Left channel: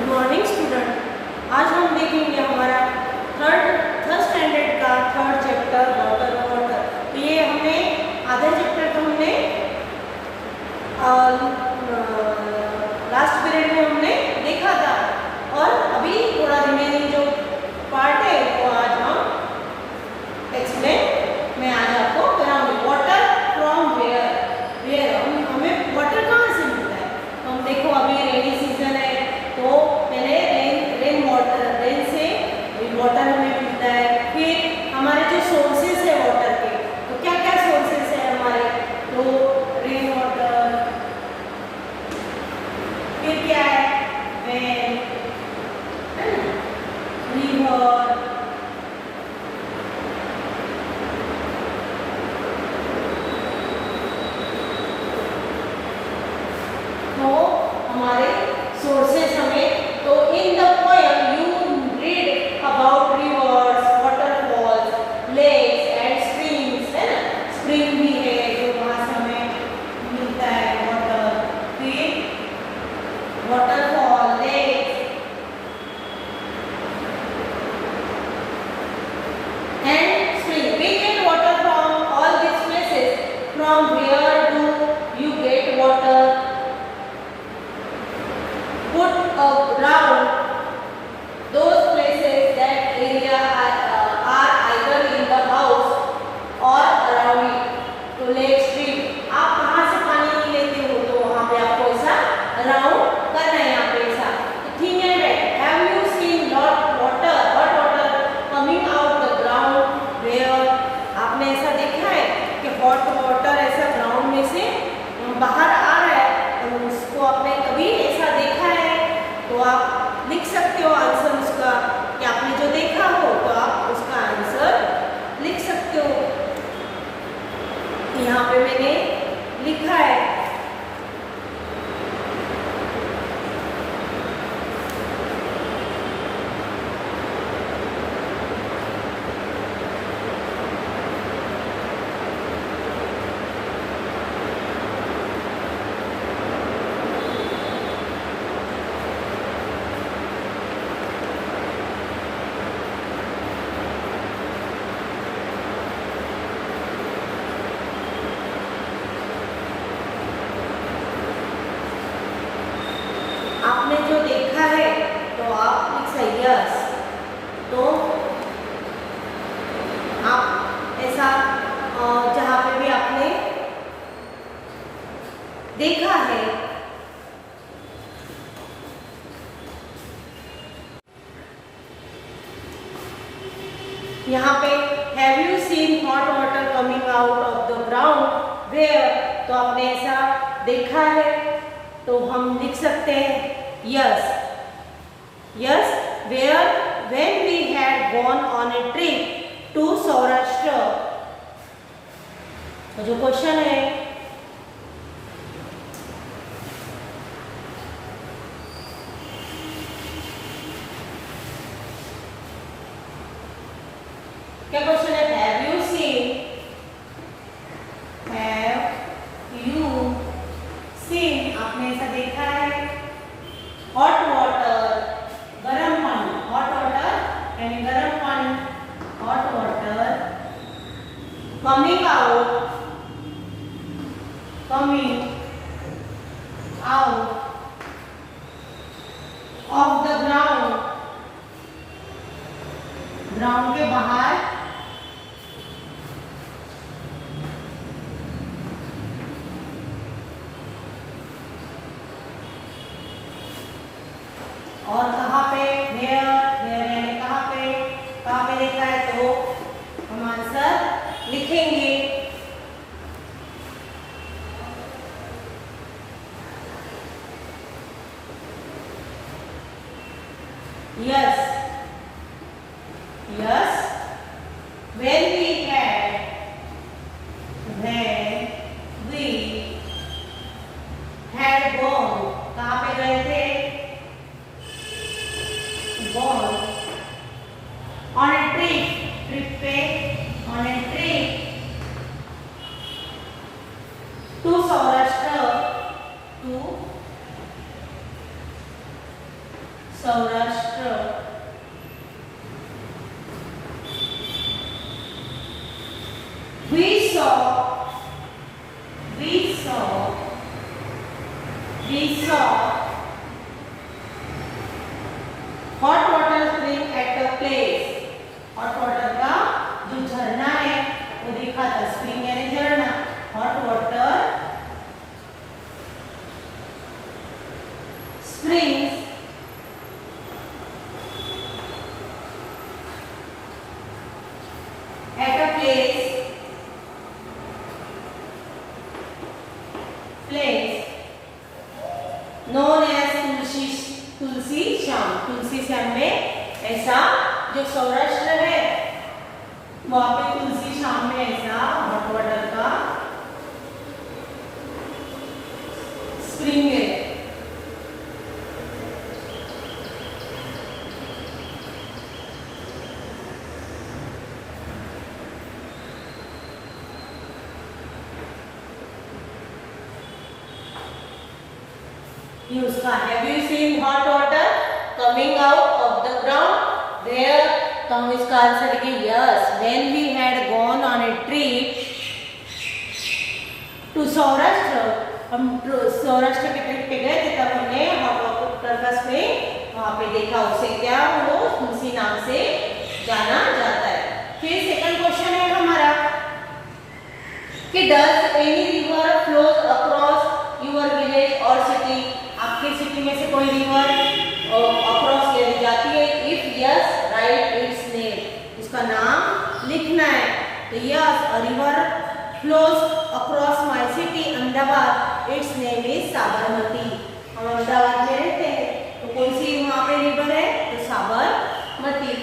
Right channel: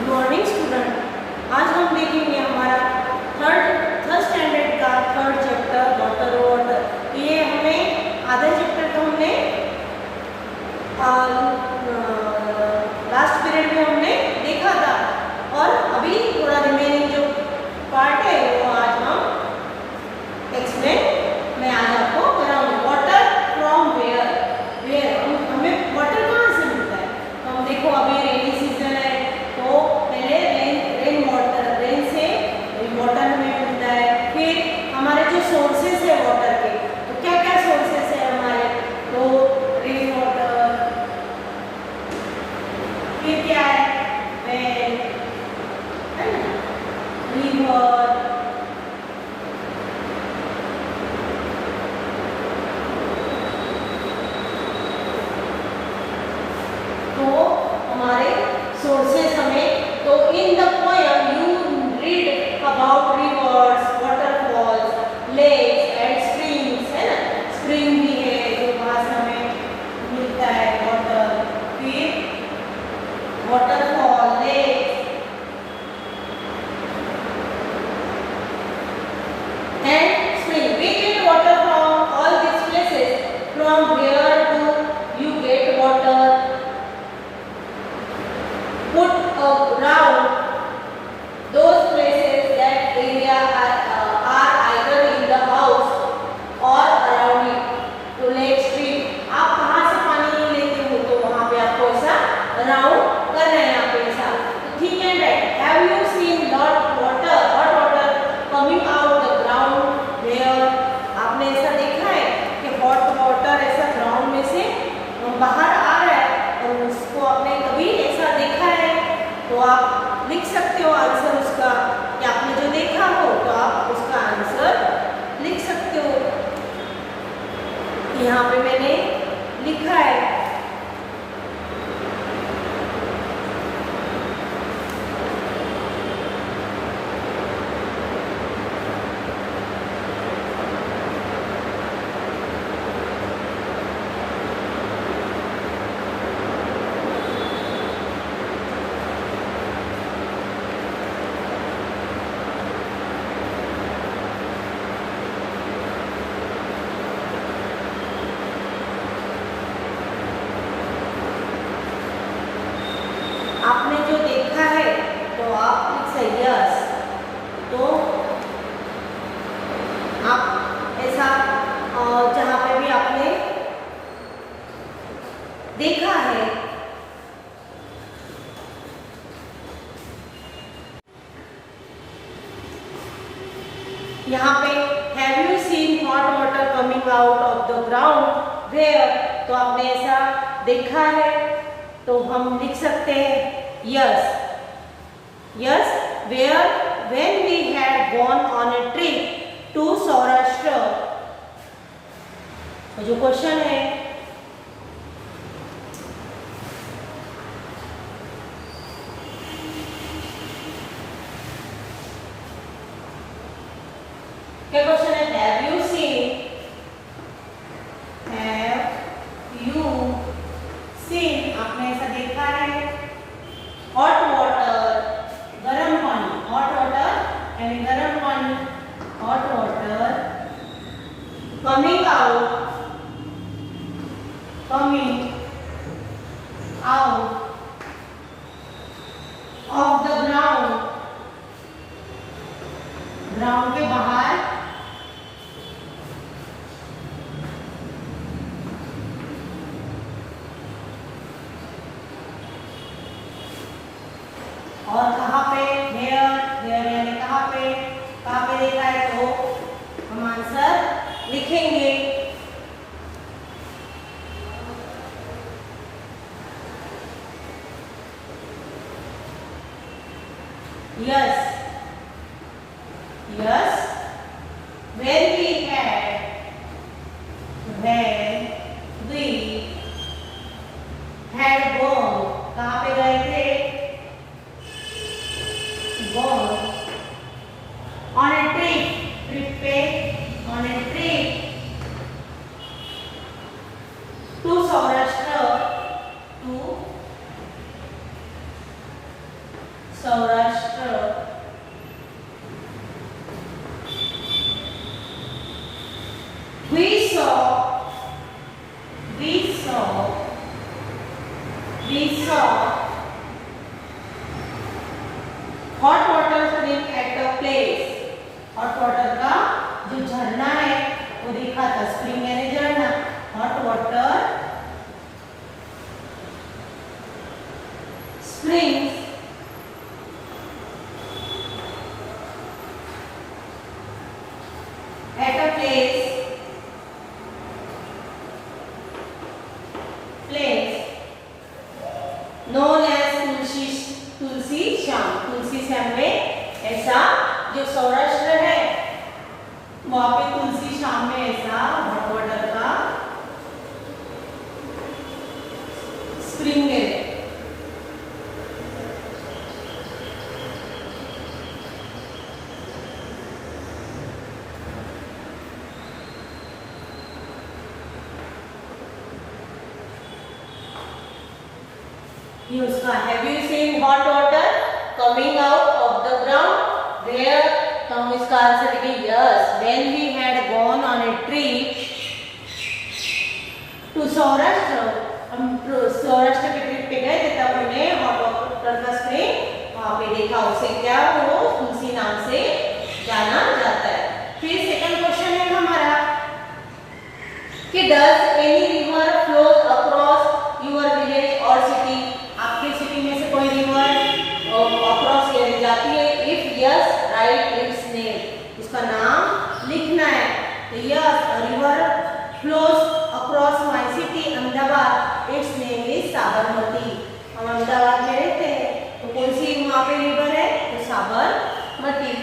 Good morning student. आज हम देखेंगे हमारा थर्ड स्टैंडर्ड का थर्ड चैप्टर वाटर वाटर। तो ये हमने आधे चैप्टर तो हमने लास्ट पीरियड में हमने देखा था और अभी थोड़ा रिमेनिंग जो पार्ट है वो आज हम एक्सप्लेन मैं आज आपको कराऊंगी। वाटर फ्रॉम वेयर वेयर हमें वाटर कहाँ से मिलता है? तो हम देखो अभी रेनी सीजन है तो पहले रेन वाटर, रेन से वाटर हमें मिलता है। फिर हमारे जो सोर्सेस है वाटर के, तो क्या क्या सोर्सेस है हमारे? तो रेन वाटर, फिर क्या है वेल, है ना, रिवर, तो हमारे सोर्सेस हमें। तो in the poem you read about rivers, waterfalls, lakes and streams, है ना, स्ट्रीम भी है जो वहाँ से हमें मिलता है वाटर। फिर waterfall, lakes and stream. We get water from all these places. From where do you get water? Put around those places, that area are either in the house or around it. तो lake, stream, आप कहाँ से पानी लेते हो तो वहाँ पे आपको ऐसा अराउंड करना है, यहाँ पे ऐसा। ठीक है, right. Have you seen hot water coming out the ground where? आपने ऐसा देखा है कि हॉट वाटर ऐसा ग्राउंड में से बाहर आ रहा है और उसको आपने कभी ऐसा देखा है? तो आप लिख सकते हो आंसर उसका कि आपने जो देखा हो, तो आप उसका आंसर लिख सकते हो। यहाँ पे मैंने लिखा है आपने जो देखा है तो आप लिख सकते यस। तो आप ऐसा जहाँ पे भी आपने देखा है, यहाँ पे have you seen hot water coming out of the ground where? तो आपने ऐसा देखा है तो हम लिख सकते हैं yes. Yes where when we had gone on a trip to Saurashtra. तो जो क्वेश्चन है क्या क्वेश्चन है? Have you seen, have you seen, आपने ऐसा देखा है हॉट वाटर, गरम पानी, हॉट वाटर यानी गरम पानी, hot water coming out, coming out of the ground, ground के बाहर, और कहाँ पे? वेयर, वेयर यानी कहाँ पे देखा है? तो हम आंसर लिखेंगे yes. Yes when we had gone, कहाँ पे गए थे? gone on a trip पे, on a trip to Saurashtra, to Saurashtra, we saw hot water spring at a place. Hot water का जो झरना है वो देखा था, स्प्रिंग यानी झरना, hot water springs at a place known as तुलसी श्याम में, ऐसा जो सौराष्ट्र है वहां पे तुलसी श्याम में ऐसा हॉट वाटर का स्प्रिंग है। ये उसका, have you seen hot water coming out of the ground there? तो हम इसका आंसर कि yes, when we had gone on a trip to Saurashtra, हम सौराष्ट्र के ट्रिप पे गए थे तब हमने हॉट वाटर का स्प्रिंग वहां पे देखा, उसे क्या वो तुलसी नाम से जाना जाता है। फिर सेकंड क्वेश्चन है हमारा कि does any river flows across your village or city? आपके सिटी में से कोई रिवर अक्रॉस जाती है? If yes right it's name, इसका नाम लिखना है। तो yes, a river flows across my city Ahmedabad, it's name is Sabarmati. हम अहमदाबाद में रहते हैं तो कौन सी वहां पे रिवर है? तो Sabarmati.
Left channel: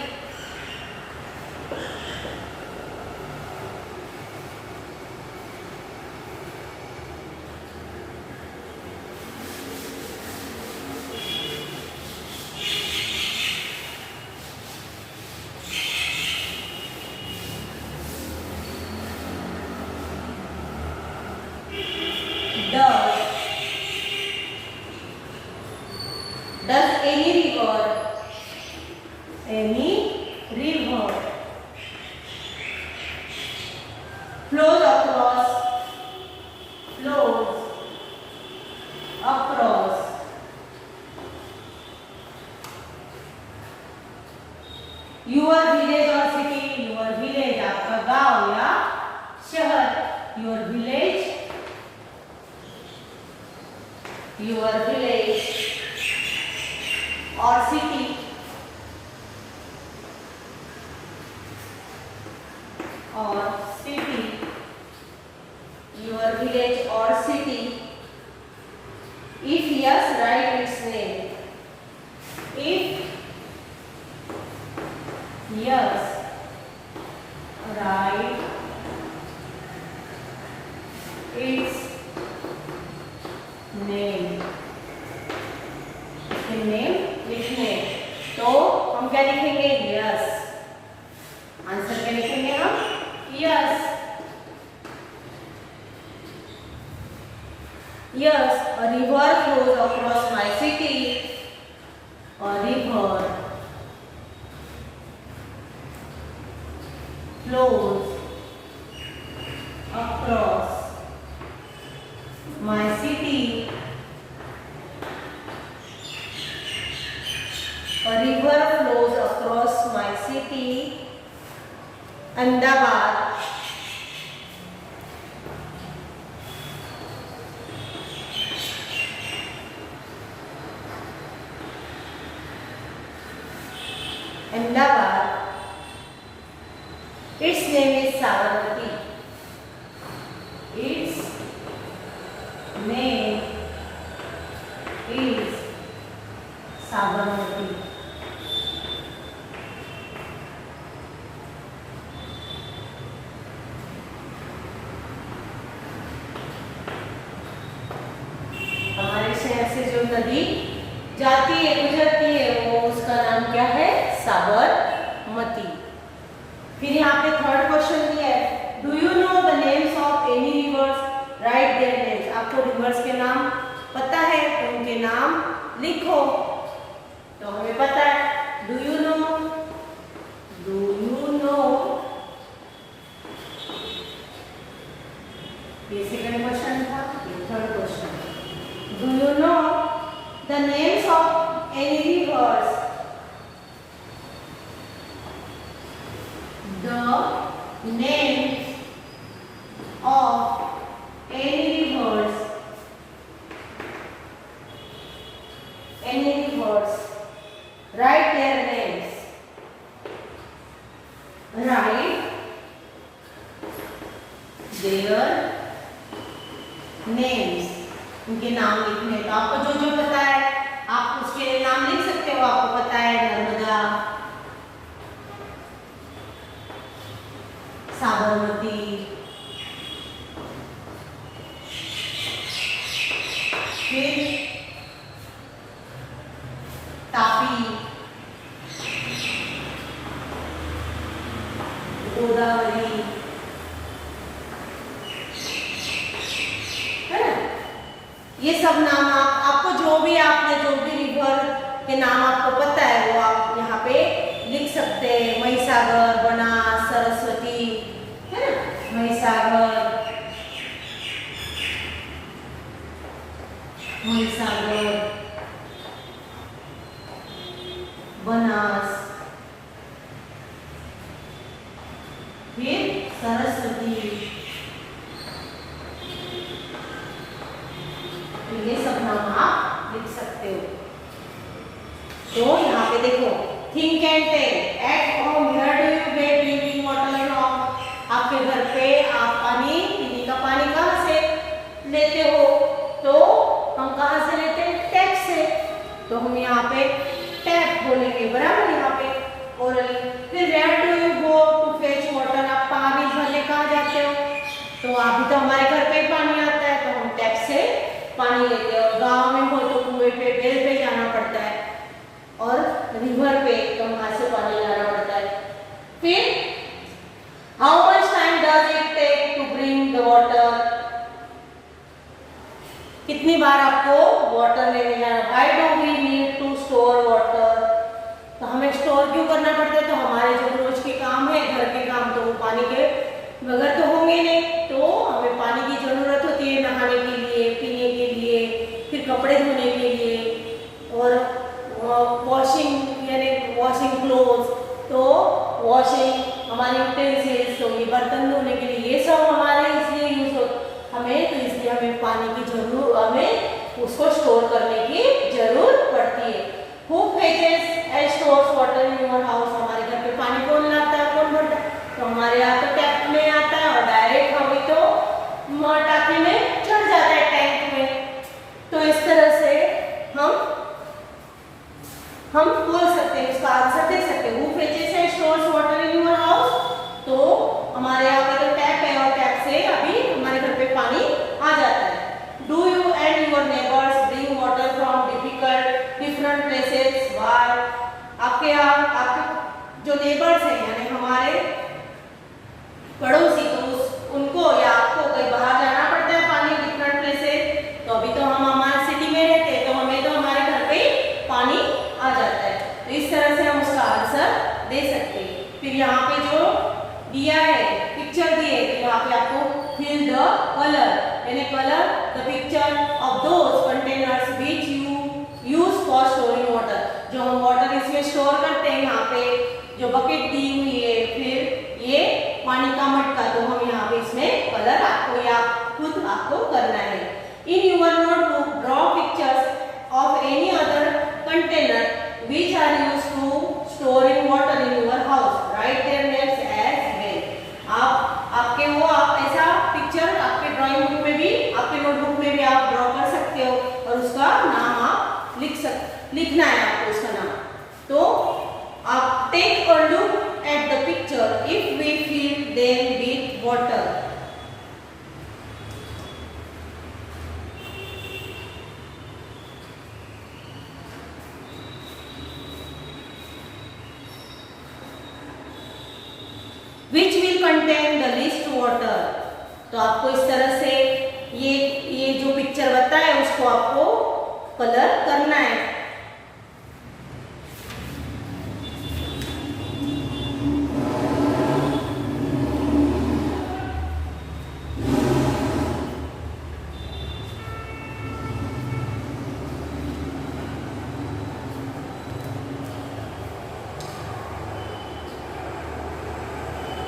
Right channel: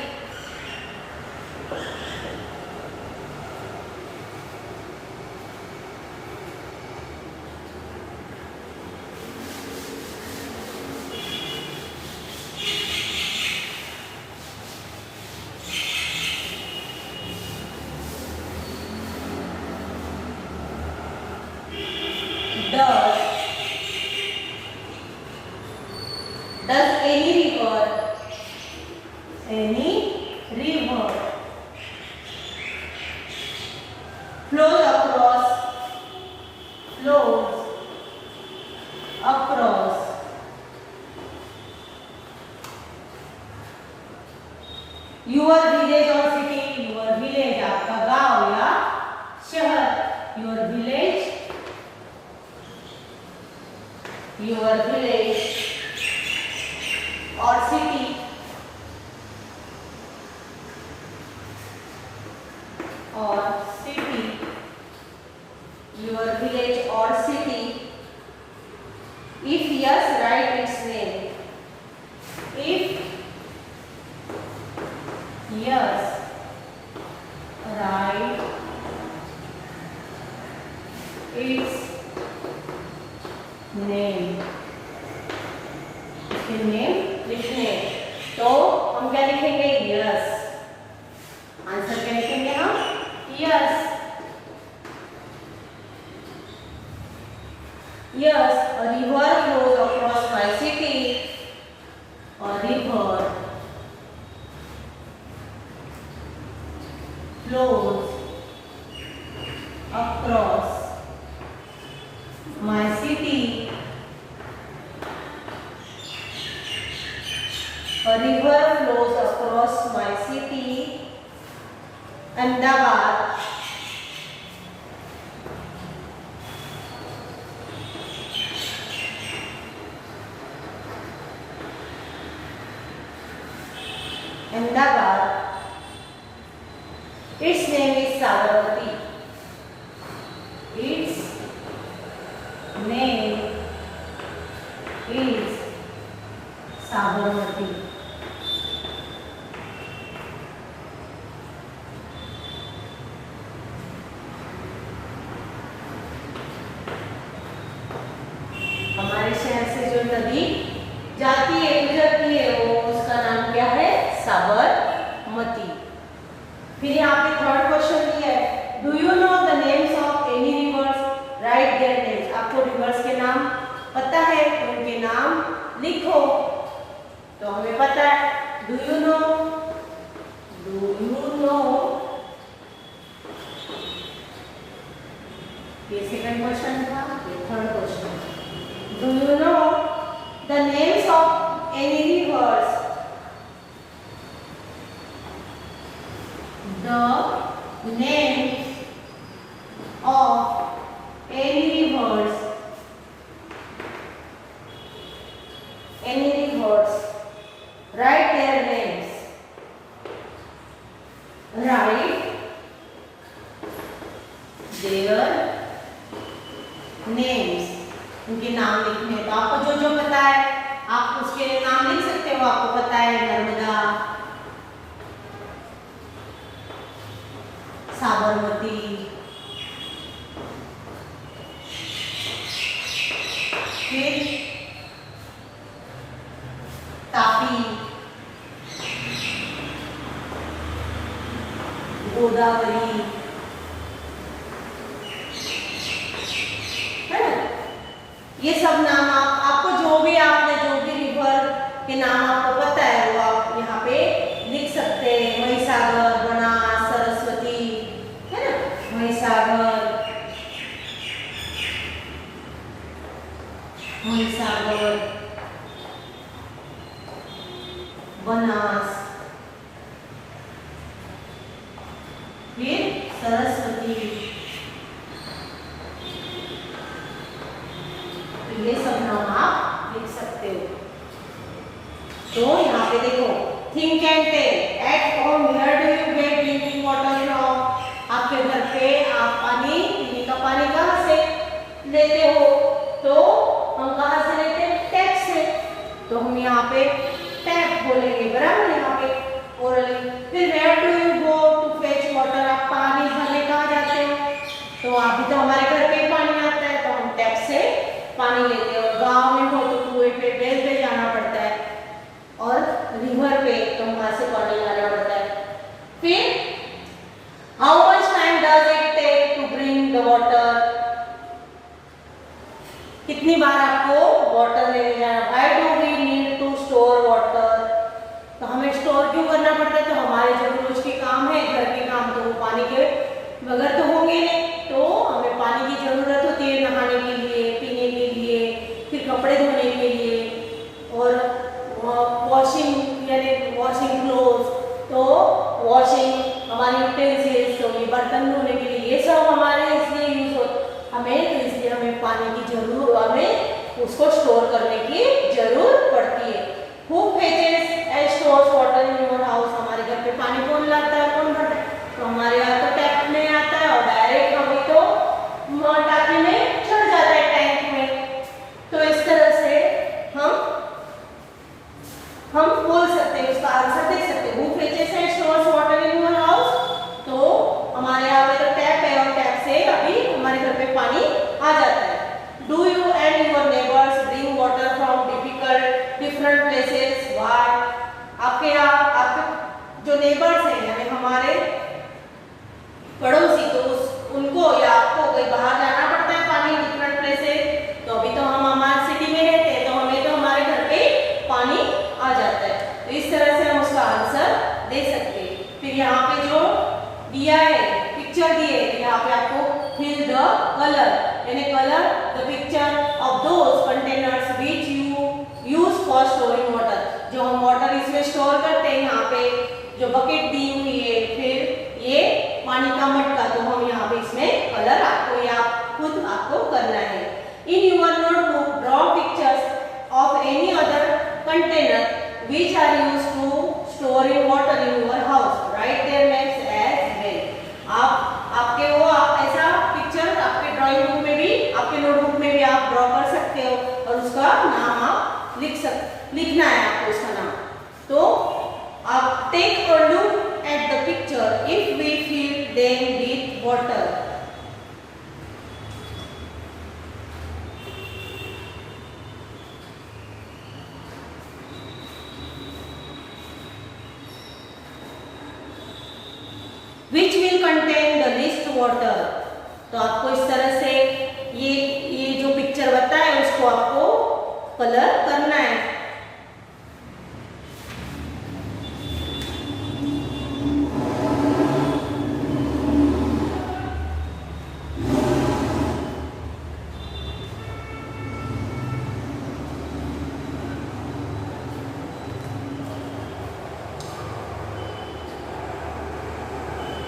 Does any river flows across your village or city? your village आपका गांव या शहर, your village or city your village or city. If yes, write its name. If yes, write its name. इसके नेम लिखने, तो हम क्या लिखेंगे? यस। आंसर क्या लिखेंगे हम? Yes. Yes, a river flows across my city. A river flows across my city. A river flows across my city, Ahmedabad. Ahmedabad. Its name is Sabarmati. Its name is Sabarmati. हमारे शहर से जो नदी जाती है, गुजरती है, वो उसका नाम क्या है? साबरमती। फिर यहाँ पे थर्ड क्वेश्चन दिया है, do you know the names of any reverse? Right their names. आपको रिवर्स के नाम पता है तो उनके नाम लिखो। तो हमें Write their names. Write their names. उनके नाम लिखने हैं। तो आपको जो जो पता है आप उसके लिए नाम लिख सकते हो। आपको पता है नर्मदा, साबरमती, फिर तापी, गोदावरी, है ना। ये सब नाम आपको जो भी रिवर के नाम आपको पता है वो आप यहाँ पे लिख सकते हैं। महिसागर, बनास, सरस्वती, है ना। महिसागर, बनास, फिर सरस्वती। तो ये सब नाम आप लिख सकते हो। तो यहाँ पे देखो, think and tell. At home where do you get drinking water from. आपके घर पे आप पानी, पीने का पानी कहाँ से लेते हो? तो हम कहाँ से लेते हैं? टैप से। तो हम यहाँ पे टैप बोलेंगे, बराबर यहाँ पे ओरली। फिर where do you go to fetch water. आप पानी भरने कहाँ जाते हो? तो अभी तो हमारे घर पे पानी आता है तो हम टैप से पानी लेते हैं। और गाँव में हो तो कुएं पे, बेल पे जाना पड़ता है, और रिवर पे तो वहां से पानी लाना पड़ता है। फिर how much time does it take to bring the water. कितनी बार आपको वाटर लेने जाना। Why do we need to store water. तो हमें स्टोर क्यों करना पड़ता है? तो हमारे जो रोज के काम है, घर के काम, तो वो पानी के बगैर तो होंगे नहीं। तो हमें पानी की जरूरत होती है नहाने के लिए, पीने के लिए, फिर कपड़े धोने के लिए, और वॉशिंग यानी वॉशिंग क्लोथ, तो वॉशिंग हमारे यूटेंसिल्स, तो ये बर्तन धोने के लिए, ये सब हमारे इसलिए यूज होता हमें। तो इसलिए हमें पानी की जरूरत, हमें उसको स्टोर करने की जरूरत पड़ती है। Who fetches and stores water in your house। हमारे घर पे पानी कौन लाता है, कौन भरता है? तो हमारे यहाँ तो टैप में आता है और डायरेक्ट हमें तो टाकी में चढ़ जाता है, टैंक में। तो इस तरह से हम बोल सकते हैं, उसका आंसर दे सकते हैं। Who fetches and stores water in your house। तो हमारे यहाँ पे तो टैप है और टैप से अभी हमारे घर पे पानी आ जाता है। Do you and your neighbors bring water from different places? Why? आपके यहाँ आपके जो नेबर्स हैं यानी हमारे पड़ोसी, तो उनको या आपको कहीं बाहर जाना पड़ता है पानी डिफरेंट प्लेसेस। तो अभी तो हम हमारे सिटी में रहते हैं तो हमें तो हमारे घर पे पानी आ जाता है। तो इस तरह से हम उसका आंसर दे सकते हैं। फिर यहाँ पे जो दिया है, पिक्चर दी है, तो यहाँ पे आपको फिल द कलर यानी colour the picture of those containers which you use for storing water. जो हम वाटर इसमें स्टोर करते हैं, यहाँ पे जो बकेट दी हुई है, फिर ये पानी का मटका, तो हम यहाँ पे इसमें कलर आपको या खुद आपको करना है। In your notebook draw pictures of any other container which are used to storing water in your house. Write their names as well. आप ऐसा पिक्चर आपके ड्राइंग बुक में भी, आपके नोटबुक में भी आप ड्रॉ कर सकते हो और उसका नाम आप लिखना है आपको उसका नाम। तो आप take a look at the picture if we fill them with water. Which will contain the least water. तो आपको इस तरह से ये जो पिक्चर बताया है उसको आपको कलर करना है।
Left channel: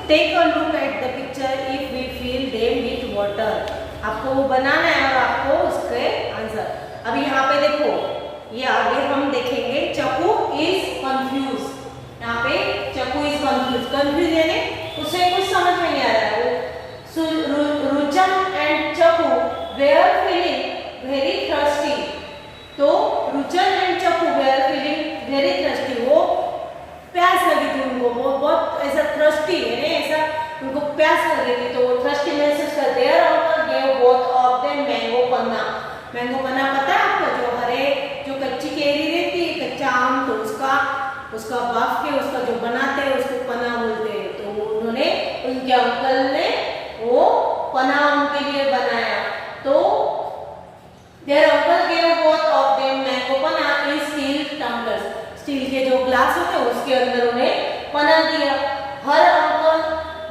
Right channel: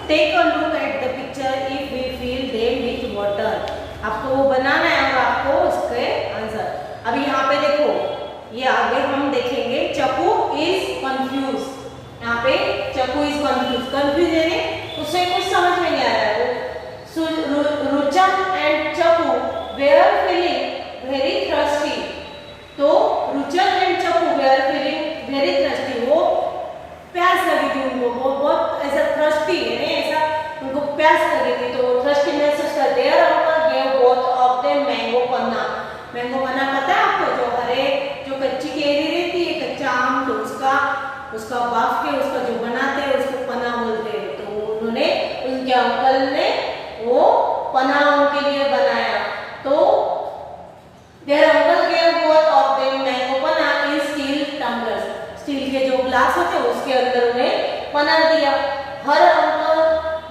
Take a look at the picture if we fill them with water. आपको वो बनाना है और आपको उसके आंसर। अभी यहाँ पे देखो, ये आगे हम देखेंगे चक्कू इज चक्कू इज कंफ्यूज यानी उसे कुछ समझ में नहीं आ रहा है। रुचम एंड चक्कू वेयर फीलिंग वेरी थर्स्टी। तो रुचम एंड चक्कू वेयर फीलिंग वेरी थर्स्टी, वो प्यास लगी थी उनको, वो बहुत ऐसा थर्स्टी है, ऐसा उनको प्यास लगी थी, तो वो थर्स्टी महसूस करते। There uncle gave both of them mango panna. Mango panna पता है आपको, जो हरे जो कच्ची केरी रहती है, कच्चा आम, तो उसका बाफ के उसका जो बनाते हैं उसको पन्ना बोलते हैं। तो उन्होंने उनके अंकल ने वो पन्ना उनके लिए बनाया। तो their uncle gave both of them mango panna in steel tumblers. Steel के जो ग्लास होते हैं उसके अंदर उन्हें पन्ना दिया। Her uncle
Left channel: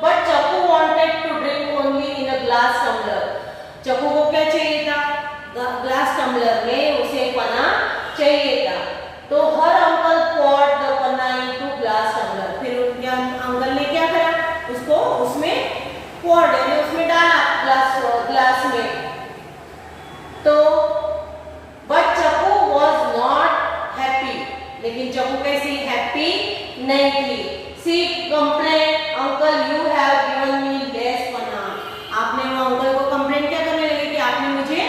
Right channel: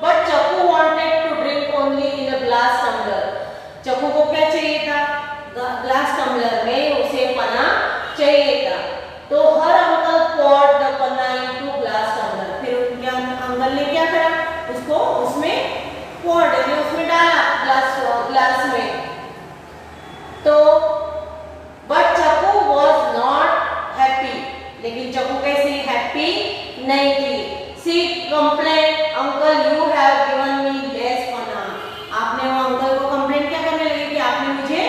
but Chakku wanted to drink only in a glass tumbler. Chakku को क्या चाहिए था, ग्लास टम्बलर में उसे पन्ना चाहिए था। तो her uncle poured the panna into glass tumbler. फिर उनके अंकल ने क्या करा, उसको उसमें poured यानी उसमें डाला ग्लास में। तो बट चक्कू वाज नॉट हैप्पी, लेकिन चक्कू कैसी हैप्पी नहीं थी। She complaint uncle you have given me less panna. आपने वो अंकल को कंप्लेंट क्या करने लगे कि आपने मुझे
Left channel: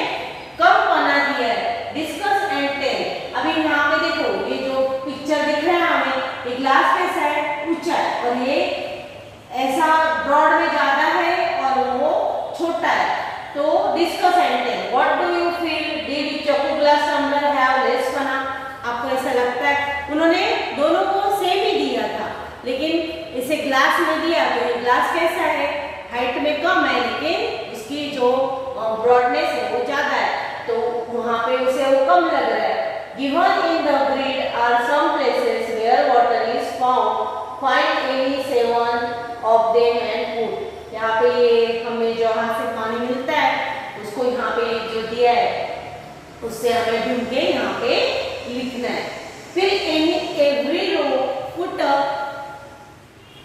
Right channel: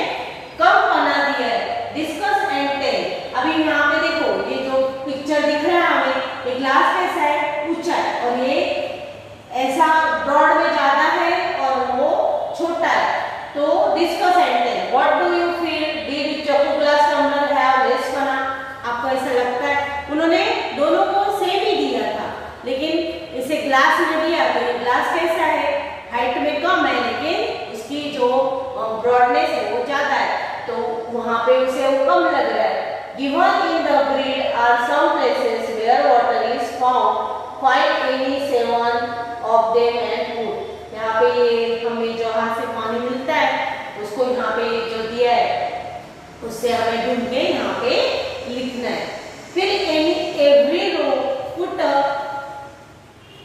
कम पन्ना दिया है। Discuss and tell. अभी यहाँ पे देखो, ये जो पिक्चर दिख रहा है हमें, ये ग्लास कैसा है, ऊंचा है, और ये ऐसा ब्रॉड में ज्यादा है और वो छोटा है। तो discuss and tell. What do you feel, did Chakku glass tumbler have less panna. आपको ऐसा लगता है, उन्होंने दोनों को सेम ही दिया था, लेकिन इसे ग्लास में दिया तो ये ग्लास कैसा है, हाइट में कम है, लेकिन उसकी जो ब्रॉडनेस है वो ज्यादा है, तो वहां पे उसे वो कम लग रहा है। Given in the grid are some places where water is found, find any 7 of them and put. यहाँ पे ये हमें जहाँ से पानी मिलता है उसको यहाँ पे जो दिया है उससे हमें ढूंढ के यहाँ पे लिखना है। फिर every row put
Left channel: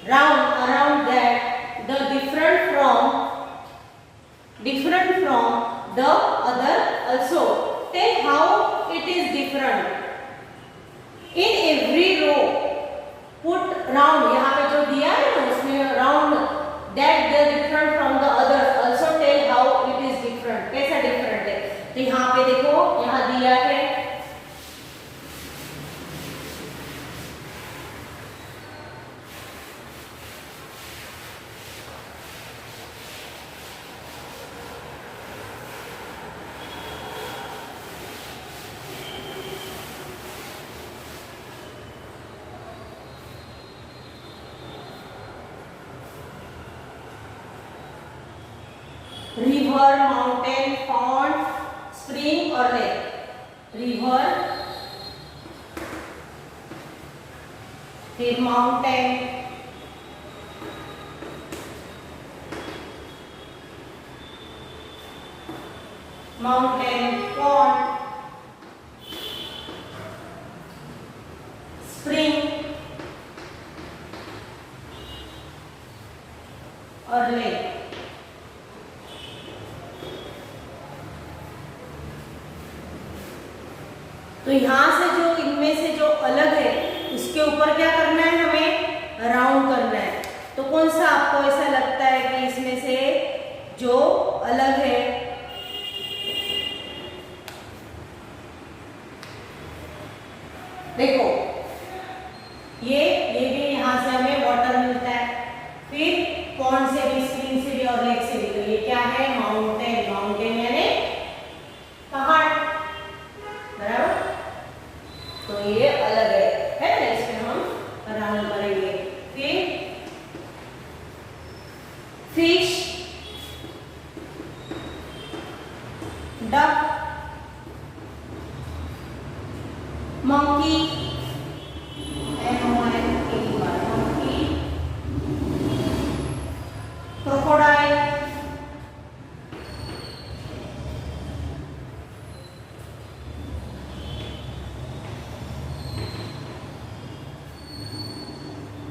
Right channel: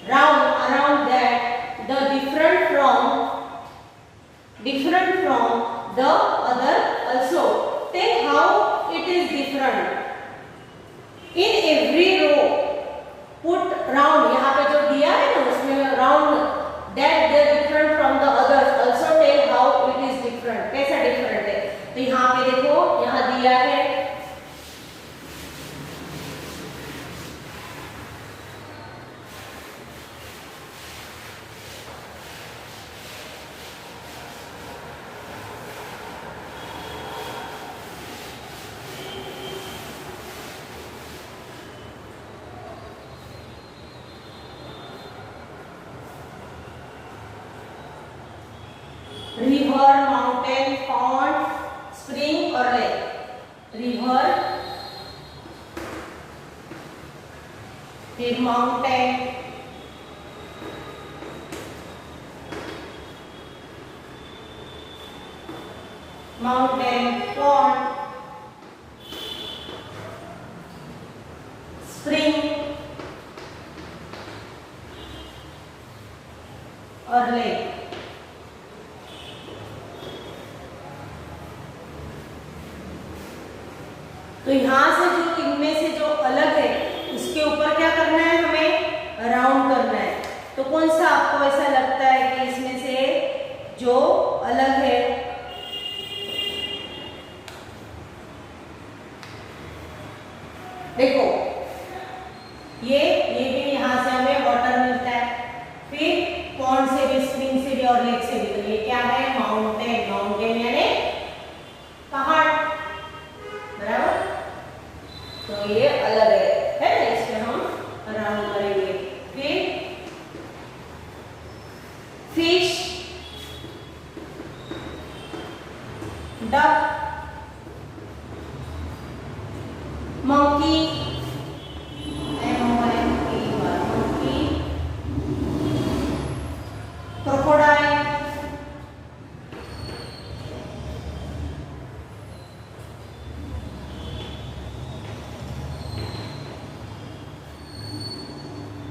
round around that the different from the other also. Tell how it is different. In every row put round, यहाँ पे जो दिया है ना उसमें round that they are different from the others also. Tell how it is different. कैसा different है, तो यहाँ पे देखो, यहाँ दिया है रिवर, माउंटेन, पॉन्ड, स्प्रिंग और लेक। रिवर, फिर माउंटेन, पॉन्ड, स्प्रिंग और लेक। तो यहाँ से जो इनमें से जो अलग है उसके ऊपर क्या करना है, हमें राउंड करना है। तो कौन सा आपको ऐसा लगता है कि इसमें से जो अलग है, देखो ये भी यहाँ से हमें वाटर मिलता है, फिर पॉन्ड से भी, स्प्रिंग से भी और लेक से भी। तो ये क्या है, माउंटेन। माउंटेन यानी पहाड़, बराबर। तो ये अलग है ना, इसमें हम राउंड करेंगे। फिर fish, duck, monkey, monkey, crocodile,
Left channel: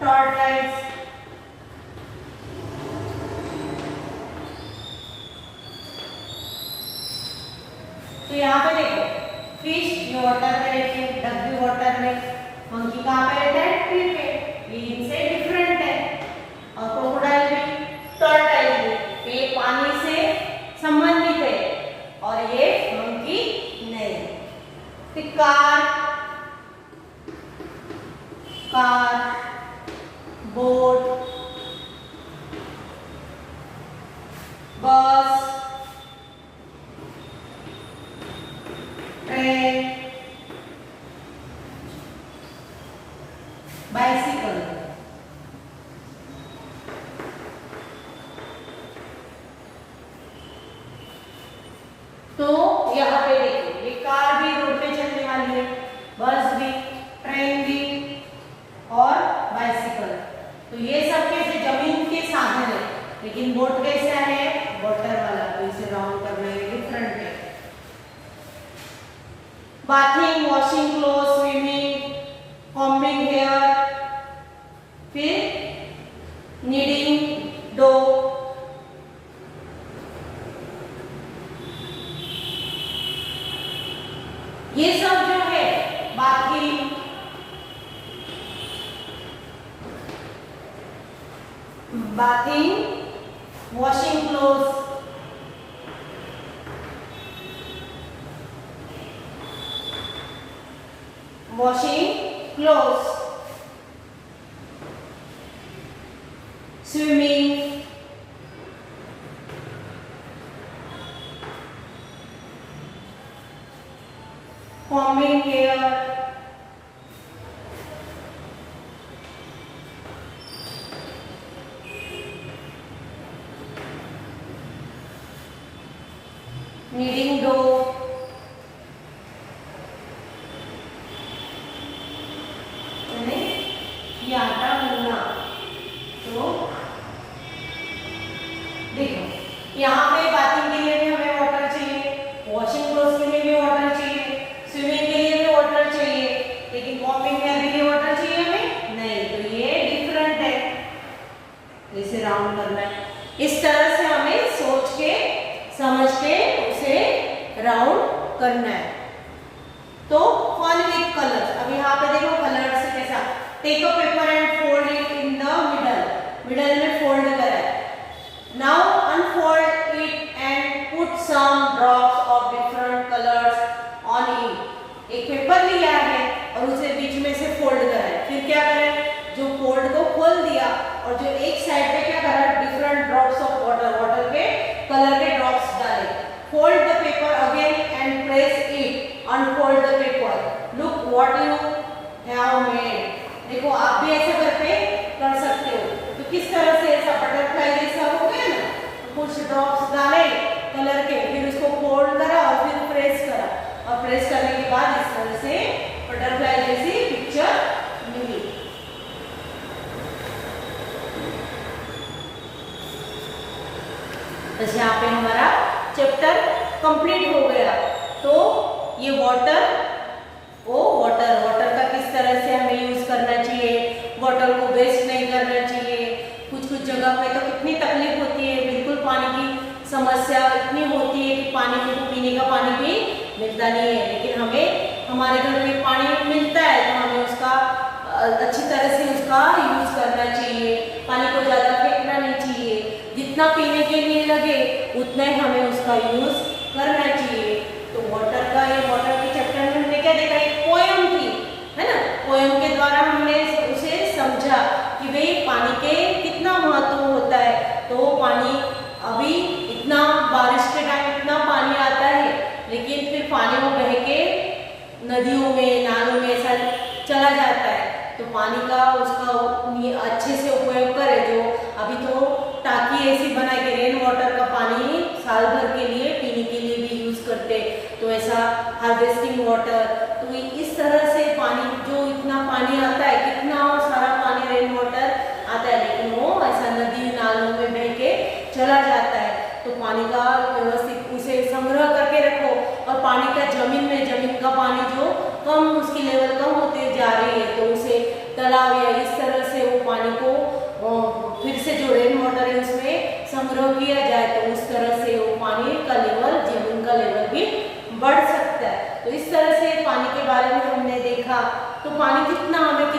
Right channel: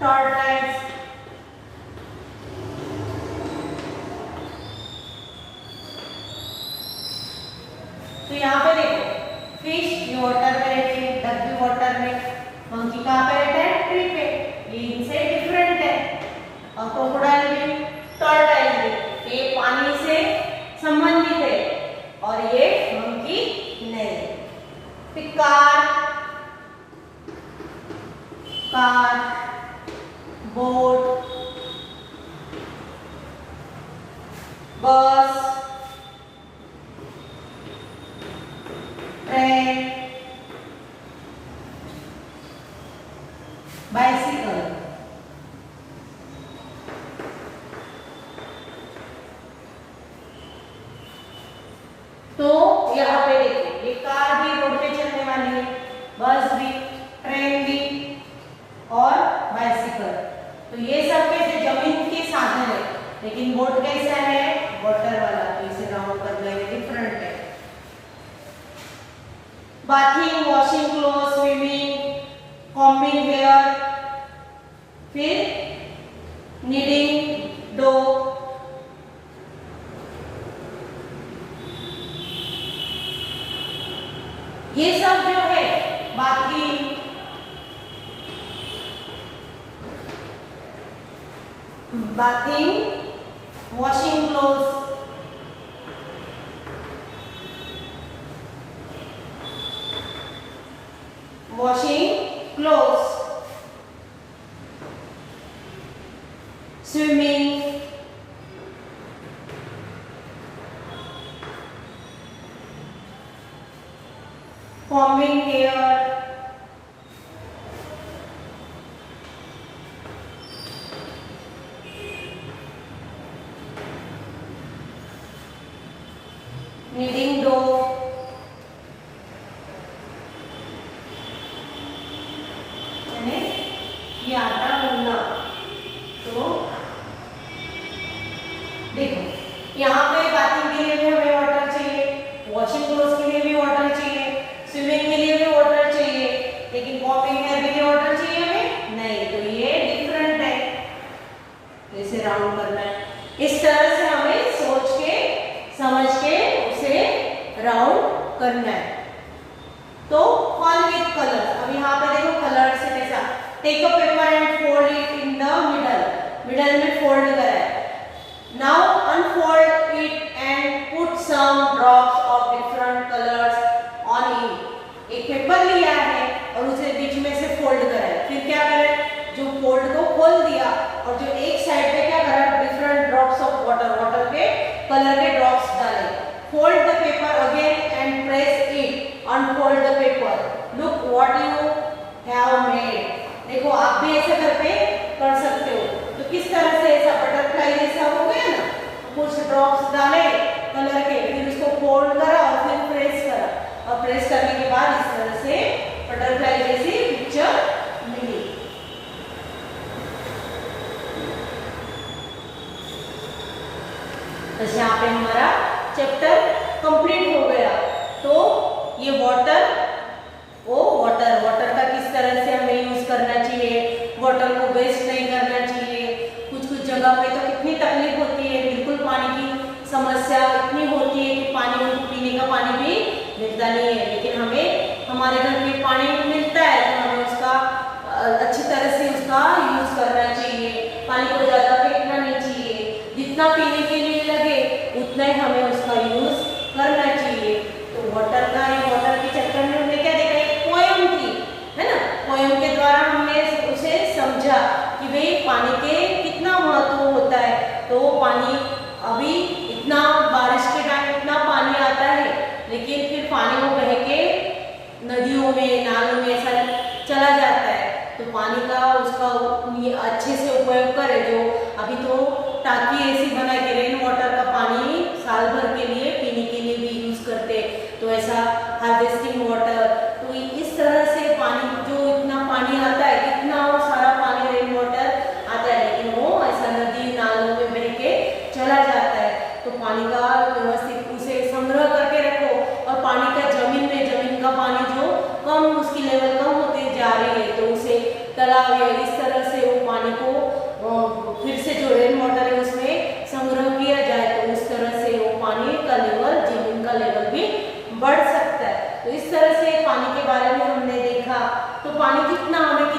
tortoise, तो यहाँ पे देखो, फिश ये वाटर में रहते हैं, डक भी वाटर में, मंकी कहाँ पे रहता है, ट्री पे। ये इनसे और क्रोकोडाइल भी, टर्टल भी। ये पानी से संबंधित है और ये मंकी नहीं। फिर कार, बोट, बस, ट्रेन, बाइसिकल। तो यहाँ पे देखिए, ये कार भी रोड पे चलने वाली है, बस भी, ट्रेन भी और बाइसिकल। तो ये सब कैसे जमीन के साधन है, लेकिन बोट कैसा है, वाटर वाला, तो इसे राउंड करने में डिफरेंट है। Bathing, washing cloth, swimming, combing hair, फिर नीडिंग डो, ये सब जो है bathing, washing clothes, swimming, combing hair, kneading dough, यानी ये आटा गूंदना। तो देखो यहाँ पे बाथिंग के लिए भी हमें वाटर चाहिए, वॉशिंग क्लोथ्स के लिए भी वाटर चाहिए, स्विमिंग के लिए भी वाटर चाहिए, लेकिन कॉम्बिंग हेयर के लिए वाटर चाहिए हमें नहीं। तो ये डिफरेंट है, इसे राउंड करना है। इस तरह से हमें सोच के समझ के उसे राउंड करना है। तो फन विथ कलर, अब यहाँ पे देखो कलर से कैसा, take a paper and fold it in the middle में फोल्ड करा है। Now unfold it and put some drops of different colours on it. एक पेपर लिया है और उसे बीच में से फोल्ड करा है, फिर क्या करें, जो फोल्ड को खोल दिया और जो एक साइड पे क्या करा, डिफरेंट ड्रॉप्स ऑफ वाटर के कलर के ड्रॉप्स डाले। Fold the paper again and press it, unfold the paper, look what you have made. देखो आप भी ऐसा घर पे कर सकते हो। तो किस तरह से ऐसा बटरफ्लाई जैसा हो गया ना, तो कुछ ड्रॉप्स डाले कलर के, फिर उसको फोल्ड करा और फिर प्रेस करा, और प्रेस करने के बाद इस तरह से बटरफ्लाई जैसी पिक्चर मिली। तो यहाँ पे हमारा चैप्टर कंप्लीट हो गया। तो ये वाटर का किस तरह से हमें यूज करना चाहिए, वाटर को वेस्ट नहीं करना चाहिए। कुछ जगह पे तो कितनी तकलीफ होती है, बिल्कुल पानी की समस्या इतनी होती है कि पानी हमको पीने का पानी भी मिलता नहीं है, लेकिन हमें हमारे घर में पानी मिलता है तो हमें उसका अच्छी तरह से उसका यूज करना चाहिए। पानी को ज़्यादा फेंकना नहीं चाहिए, जितना पीने के लिए लगे उतना ही हमें उसका यूज करना चाहिए। तो वाटर का, ये वाटर के चैप्टर में हमने क्या देखा, एक पोएम थी, है ना। पोएम के द्वारा हमने उसे समझा कि भाई पानी के कितना महत्व होता है। तो पानी अभी इतना बारिश के टाइम इतना पानी आता है, लेकिन फिर पानी वो बह के नदियों में, नालों में ऐसा चला जाता है। तो पानी का उसका अच्छे से उपयोग करें। जो अभी तो टाकी ऐसी बना के रेन वाटर का पानी साल भर के लिए पीने के लिए भी यूज करते, तो ऐसा हार्वेस्टिंग वाटर। तो इस तरह से पानी, जो इतना पानी आता है, कितना सारा पानी रेन वाटर आता है, लेकिन वो ऐसा नदी नालों में बह के चला जाता है। तो पानी का व्यवस्थित उसे संग्रह करके रखो। और पानी का जमीन का पानी जो कम, उसकी लेवल कम होते जा रही है, तो उसे तालाब या इस तरह से वो पानी को फिर से जो रेन वाटर है उसमें संग्रह किया जाए, तो उस तरह से वो पानी का लेवल, जमीन का लेवल भी बढ़ सकता है। तो इस तरह से पानी के बारे में हमने देखा। तो पानी कितना हमें